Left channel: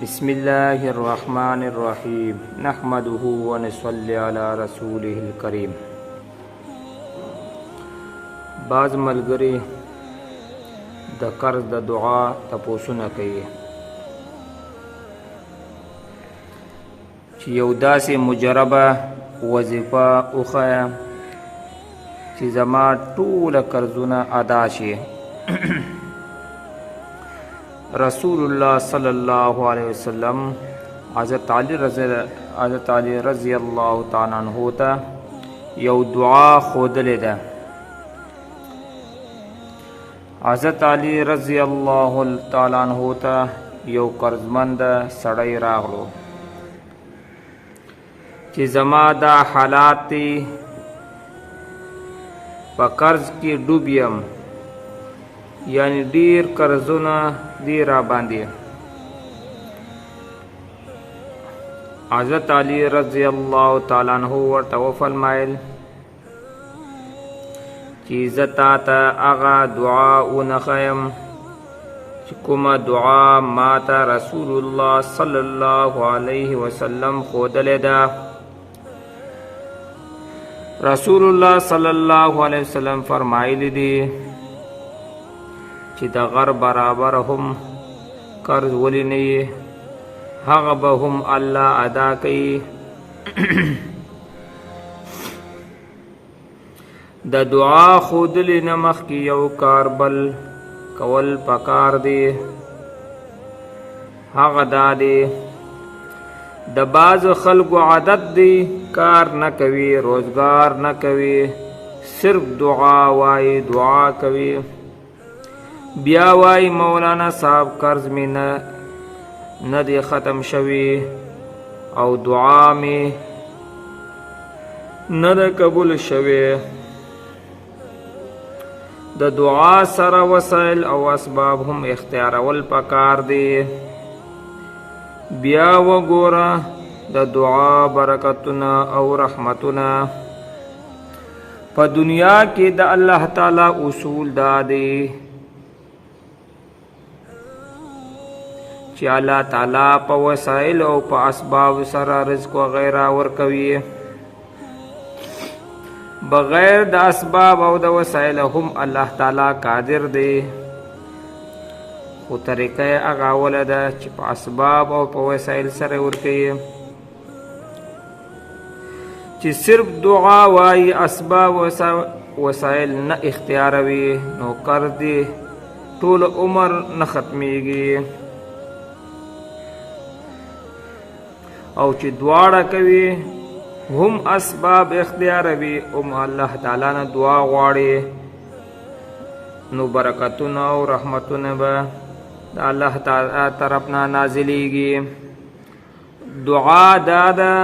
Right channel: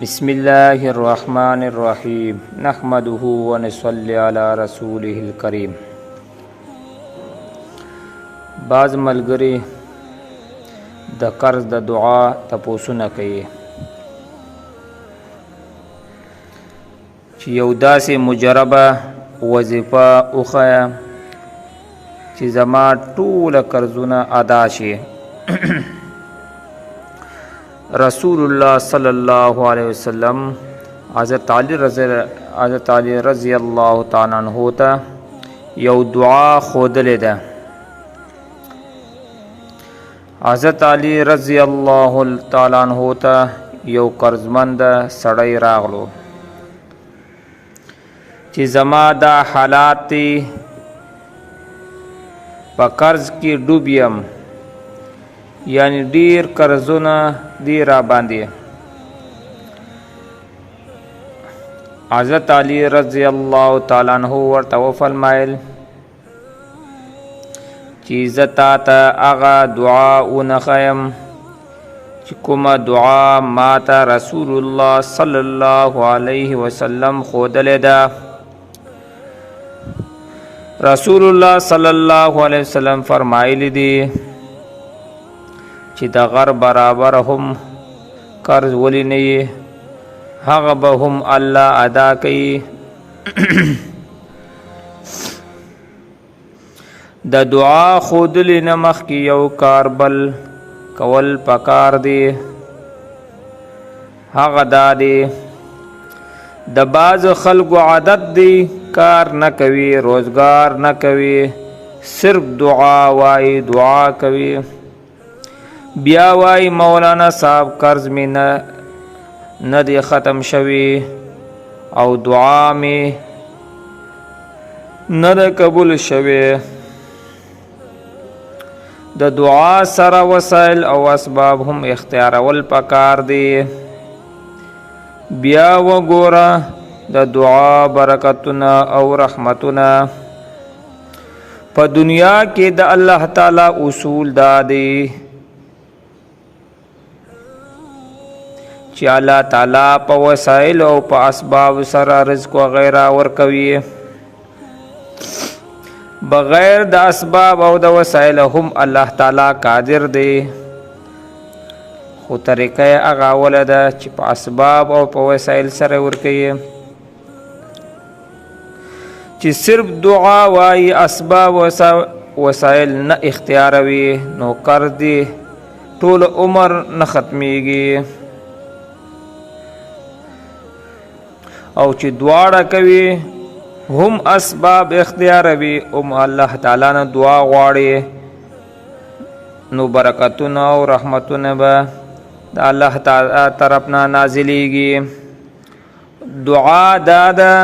بسم الله الرحمن الرحيم نحمده ونصلي على رسوله الكريم. بعض ملګری د قرض د دعا تپوسونه کوي چې یو داسې مجربه وظیفه وښیه چې زما ټول قرضونه ادا شي. رسول الله صلی الله علیه وسلم حضرت علی رضی الله تعالی عنہ ته یو دعا ښودلې ده. حضرت علی رضی الله تعالی عنہ ته یو قرضمند سړی راغلو چې زما دا حالات دي، په قرض کې ډوب یم، یعنی ډیر قرضونه دی را باندې. حضرت علی رضی الله تعالی عنہ ورته وفرمایل چې زه تاته هغه دعا ونښیم چې کومه دعا ماته رسول الله صلی الله علیه وسلم ښودلې ده. رسول الله صلی الله علیه وسلم فرمایلی دي چې د غر برابر هم قرض ولی نه یې، هغه به هم الله ادا کوي. د دعا ښودلې نه مخکې یو کار بل کول پکار دی. هغه دا دی د بعض خلکو عادت دی کار نه کوي، روزګار نه کوي، صرف دعا وایي، دعا کوي، بیا وای مولانا صاحب قرض می نه دی ختم شوی او دعا می نه دی قبول شوی. د دعا سره وسایل او اسباب هم اختیارول پکار دی. بیا وګوره د دعا برکتونه او رحمتونه. په دنیا کې د الله تعالی اصول دا دی چې الله تعالی په وسایل او په اسباب سره رزق وغیرہ ورکوي. بغیر د اسباب او د وسایل هم الله تعالی قادر دی، خو طریقه هغه اوله ده چې په اسباب او په وسایل سره ورکوي. چې صرف دعا وایي، اسباب وسایل نه اختیاروي، نو قرض دی ټول عمر نه ختمیږي. او چې دواړه کوي هم اسباب اختیاروي هم الله تعالی نه دعا غواړي، نو برکتونه او رحمتونه به د الله تعالی طرف نه نازلیږي. دعا دادا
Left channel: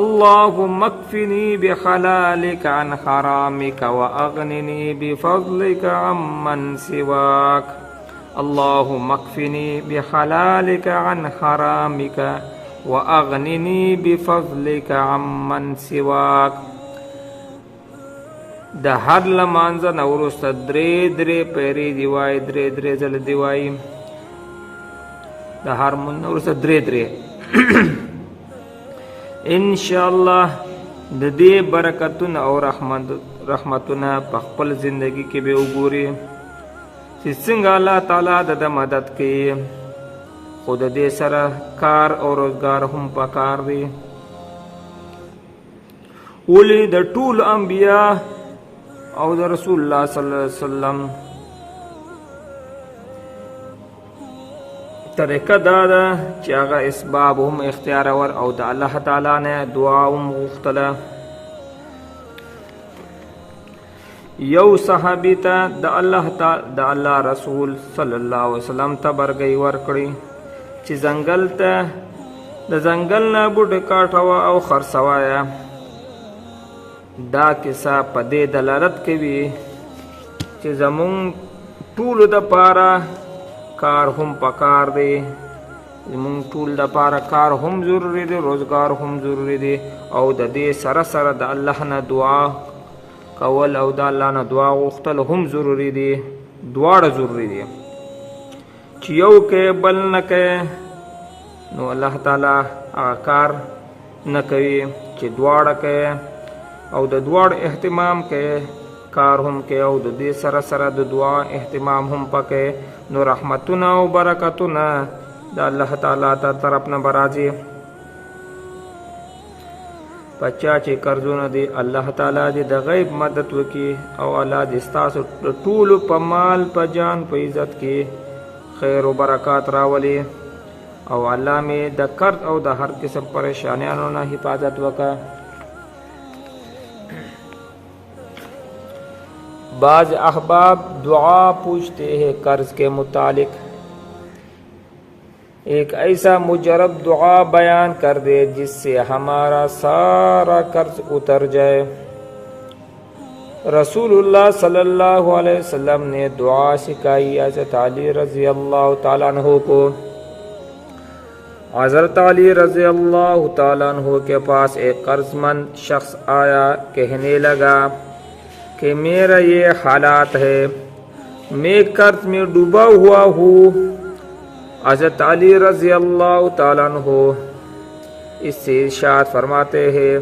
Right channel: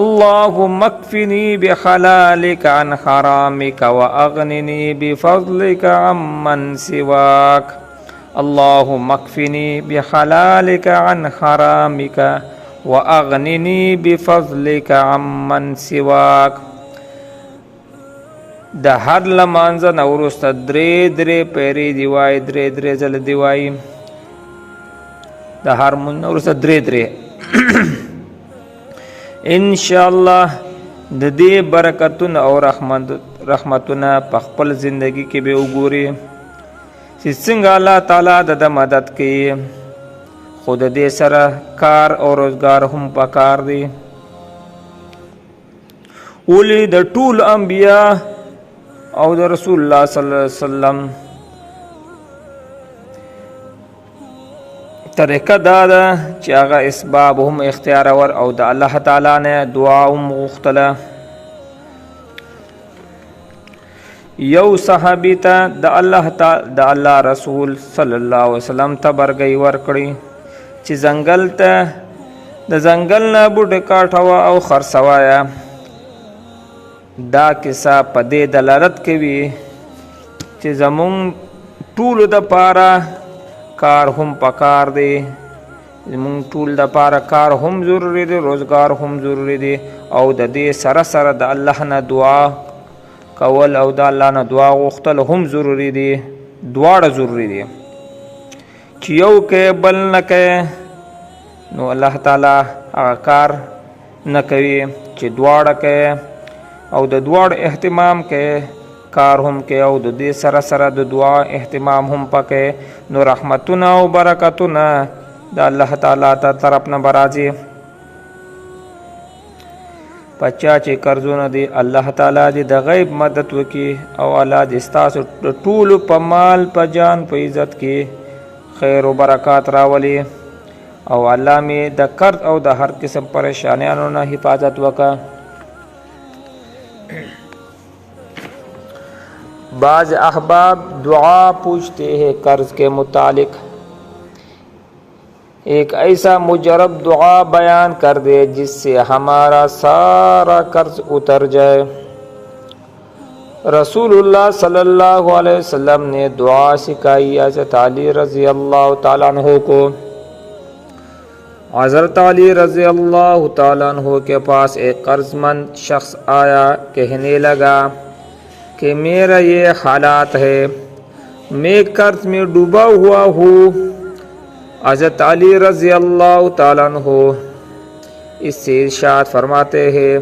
اللهم اکفنی بحلالک عن حرامک واغننی بفضلک عمن سواک. اللهم اکفنی بحلالک عن حرامک واغننی بفضلک عمن سواک. د هر لمانځه نه وروسته درې پیرې دی وای، درې ځله دی وای. د هر مونځ نه وروسته درې ان شاء الله د دې برکتونه او رحمتونه په خپل زندگی کې به وګوري چې څنګه الله تعالی د مدد کوي. خود دې سره کار او روزګار هم پکار دی. ولی د ټول انبیا او د رسول الله صلی الله علیه وسلم طریقه دا ده چې هغه اسباب هم اختیارول او د الله تعالی نه دعا هم غوښتله. یو صحابي ته د الله رسول صلی الله علیه وسلم تبرګي ورکړي چې ځنګل ته د ځنګل نه بوټي کاټوه او خرڅوایه. دا کیسه په دې دلالت کوي چې زمونږ ټولو د پاره کار هم پکار دی، زمونږ ټول د پاره کار هم ضروری دی، روزګار هم ضروری دی، او د دې سره سره د الله نه دعا کول او د الله نه دعا غوښتل هم ضروری دی. دواړه ضروری دی چې یو کې بل نه کې نو الله تعالی هغه کار نه کوي چې دواړه کوي او د دواړو اهتمام کوي، کار هم کوي او د دې سره سره د دعا اهتمام هم پکې. نو رحمتونه او برکتونه د الله تعالی تر طرف نه برازي. پچا چې قرضونه دی الله تعالی دې د غیب مدد وکي او الله دې ستاسو ټول په مال په جان په عزت کې خیر او برکات راولي او الله می د قرض او د هر قسم پریشانیانو نه حفاظت وکا. بعض احباب دعا پوچھتے ہیں قرض کے متعلق. ایک ایسا مجرب دعا بیان کر دے جس سے ہمارا سارا قرض اتر جائے. رسول اللہ صلی اللہ علیہ وسلم نے دعا سکھائی حضرت علی رضی اللہ تعالیٰ عنہ کو. حضرت علی رضی اللہ تعالیٰ عنہ کے پاس ایک قرض مند شخص آیا، کہنے لگا کہ میرا یہ حالات ہے، میں قرض میں ڈوبا ہوا ہوں. حضرت علی رضی اللہ تعالیٰ عنہ اس سے ارشاد فرماتے ہیں،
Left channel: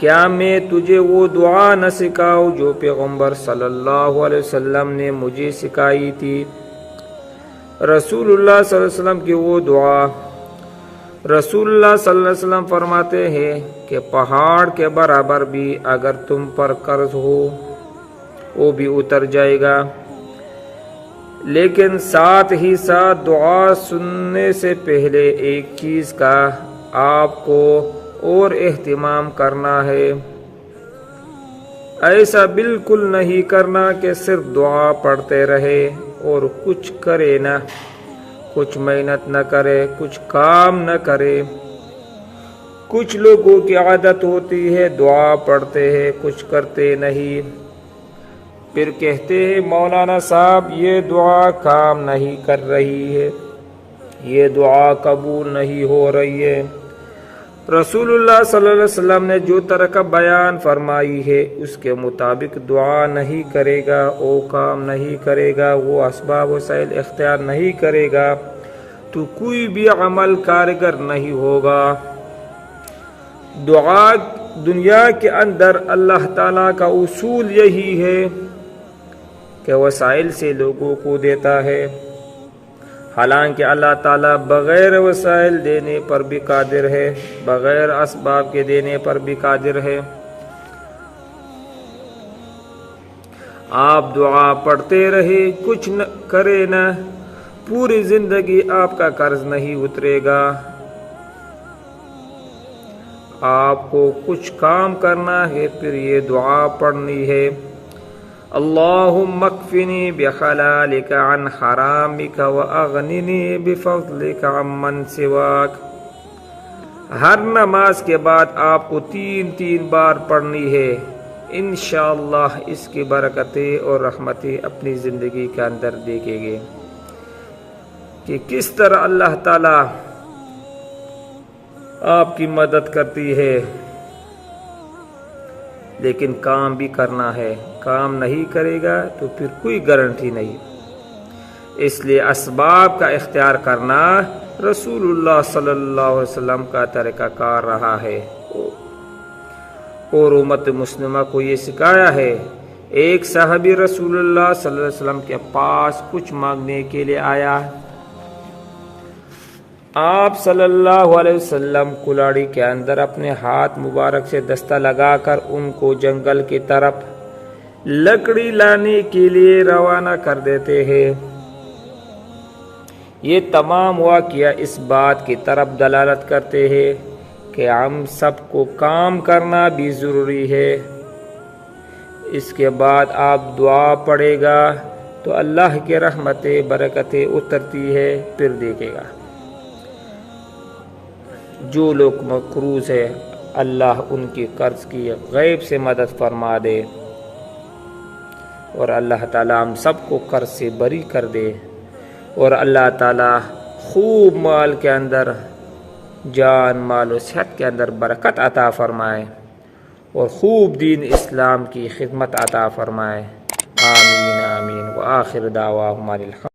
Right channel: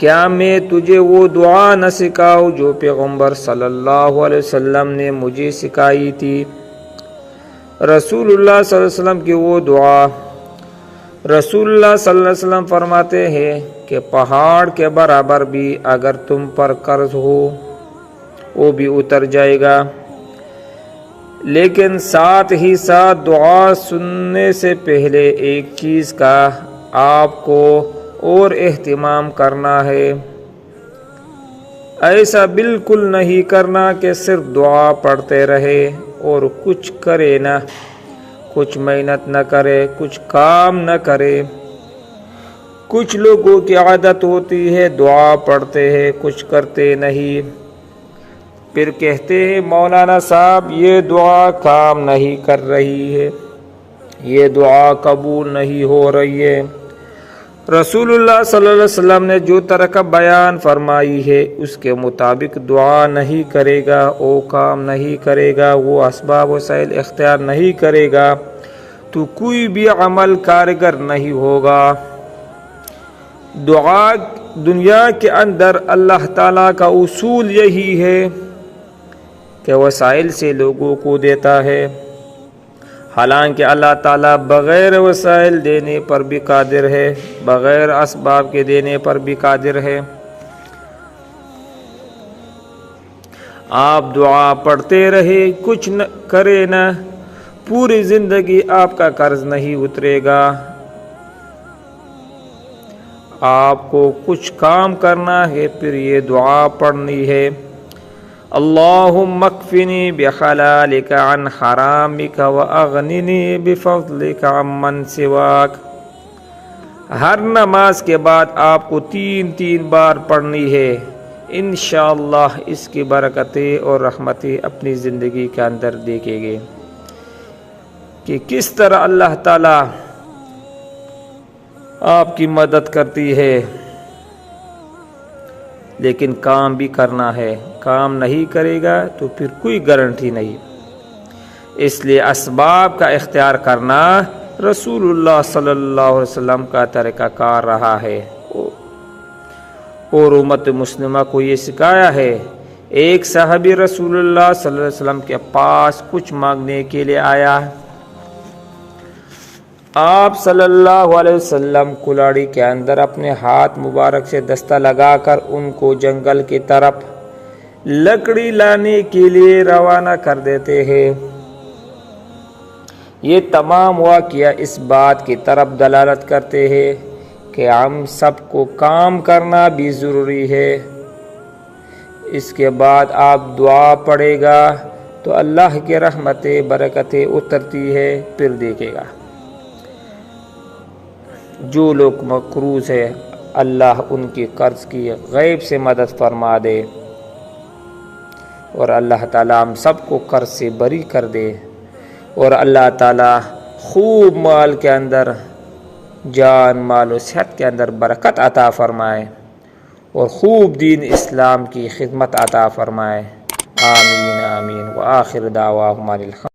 کیا میں تجھے وہ دعا نہ سکھاؤں جو پیغمبر صلی اللہ علیہ وسلم نے مجھے سکھائی تھی؟ رسول اللہ صلی اللہ علیہ وسلم کی وہ دعا. رسول اللہ صلی اللہ علیہ وسلم فرماتے ہیں کہ پہاڑ کے برابر بھی اگر تم پر قرض ہو وہ بھی اتر جائے گا، لیکن ساتھ ہی ساتھ دعا سننے سے پہلے ایک چیز کا آپ کو اور اہتمام کرنا ہے. ایسا بالکل نہیں کرنا کہ صرف دعا پڑھتے رہے اور کچھ کرے نہ، کچھ محنت نہ کرے، کچھ کام نہ کرے. کچھ لوگوں کی عادت ہوتی ہے دعا پڑھتے ہیں کچھ کرتے نہیں، پھر کہتے ہیں مولانا صاحب یہ دعا کام نہیں کر رہی ہے، یہ دعا قبول نہیں ہو رہی ہے. رسول اللہ صلی اللہ علیہ وسلم نے جو طریقہ بیان فرمائی ہے اس کے مطابق دعا نہیں کرے گا، وہ کام نہیں کرے گا، وہ اسباب وسائل اختیار نہیں کرے گا تو کوئی بھی عمل کارگر نہیں ہوگا. دعا دنیا کے اندر اللہ تعالیٰ کا اصول یہی ہے کہ وسائل سے لوگوں کو دیتا ہے، حالانکہ اللہ تعالیٰ بغیر وسائل دینے پر بھی قادر ہے، بغیر اسباب کے دینے پر بھی قادر ہے. آپ دعا پڑھتے رہے کچھ نہ کرے نہ، پوری زندگی آپ کا قرض نہیں اترے گا. آپ کو کچھ کام کرنا ہے، پھر یہ دعا پڑھنی ہے، اللہم اکفنی بحلالک عن حرامک واغننی بفضلک عمن سواک. ہر نماز کے بعد آپ کو 3 بار پڑھنی ہے. انشاءاللہ اس کی برکتیں اور رحمتیں اپنی زندگی کے اندر دیکھیں گے کہ کس طرح اللہ تعالی آپ کی مدد کرتی ہے. لیکن کام بھی کرنا ہے، کام نہیں کرے گا تو پھر کوئی گارنٹی نہیں. اس لیے اسباب کا اختیار کرنا رسول اللہ صلی اللہ علیہ وسلم کا طریقہ کار رہا ہے اور امت مسلمہ کو یہ سکھایا ہے. ایک صحابی رسول اللہ صلی اللہ علیہ وسلم کے پاس کچھ مانگنے کے لیے آیا. آپ صلی اللہ علیہ وسلم کلاڑی کے اندر اپنے ہاتھ مبارک سے دستہ لگا کر ان کو جنگل کی طرف لکڑی لانے کے لیے روانہ کر دیتے ہیں. یہ تمام واقعہ اس بات کی طرف دلالت کرتے ہیں کہ ہم سب کو کام کرنا بھی ضروری ہے. اس کے بعد آپ دعا پڑھے گا تو اللہ کی رحمتیں برکتیں اترتی ہے. پھر دیکھے گا جو لوگ مقروض ہے اللہ ان کی قرض کی غیب سے مدد فرما دے اور اللہ تعالی ہم سب کو قرض سے بری کر دے اور اللہ تعالی خوب مال کے اندر، جان مال و صحت کے اندر برکت عطا فرمائے اور خوب دین اسلام کی خدمت عطا فرمائے. آمین آمین. وآخر دعواہم الحمد.